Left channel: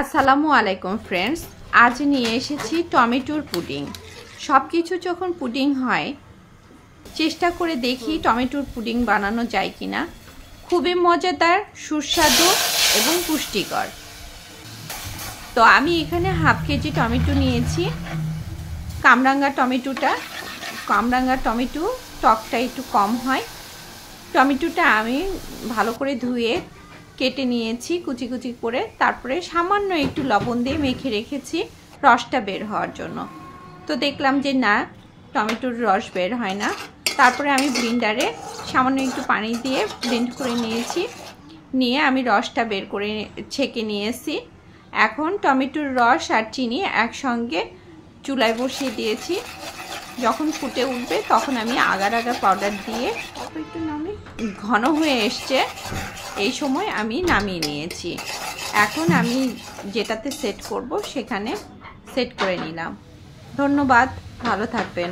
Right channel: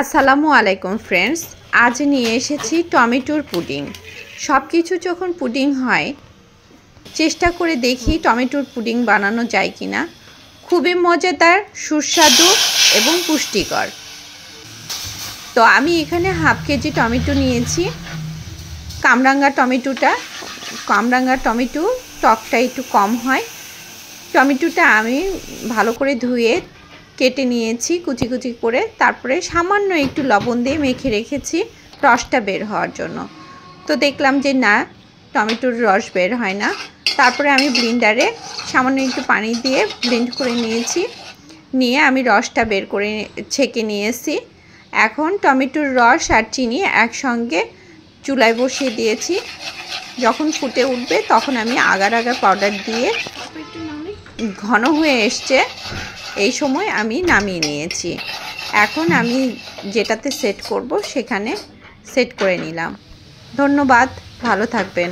আসসালামু আলাইকুম ফ্রেন্ডস, আজ নিয়ে এসেছি টমেটোর পুডিং। সব কিছু যখন পুডিং হয়, চেষ্টা করে দেখি টমেটোর পুডিং বানানো যায় কিনা। খুবই মজাদার, সুস্বাদু এবং পুষ্টিকর। তো আমি এখানে হাফ কেজি টমেটো নিয়েছি। কামরাঙ্গা টমেটো টকটা একটু কম হয়। টমেটোটা আমি ভালো করে ধুয়ে কেটে নিয়েছি কুচি কুচি করে, তারপরে সামান্য একটু লবণ দিয়ে মেখে রেখেছি রসটা বের হওয়ার জন্য। তো দেখলাম যে না, টমেটোর রস বের হয় না। তারপরে আমি ব্লেন্ডারে সামান্য একটু পানি দিয়ে ব্লেন্ড করে নিয়েছি। নিয়ে আমি রসটা বের করে ছেঁকে নিয়েছি। এখন টমেটোর রস আর চিনি একসঙ্গে চুলায় বসিয়ে দিয়েছি। যখন ফুটে উঠবে তখন আমি আগার পাউডার দিয়ে ঘন হয়ে এসছে, এই সময় আমি নামিয়ে নিয়েছি। এখন আমি যেটাতে সেট করব সেখানে সেট করে নিলাম। ধন্যবাদ, ভালো থাকবেন।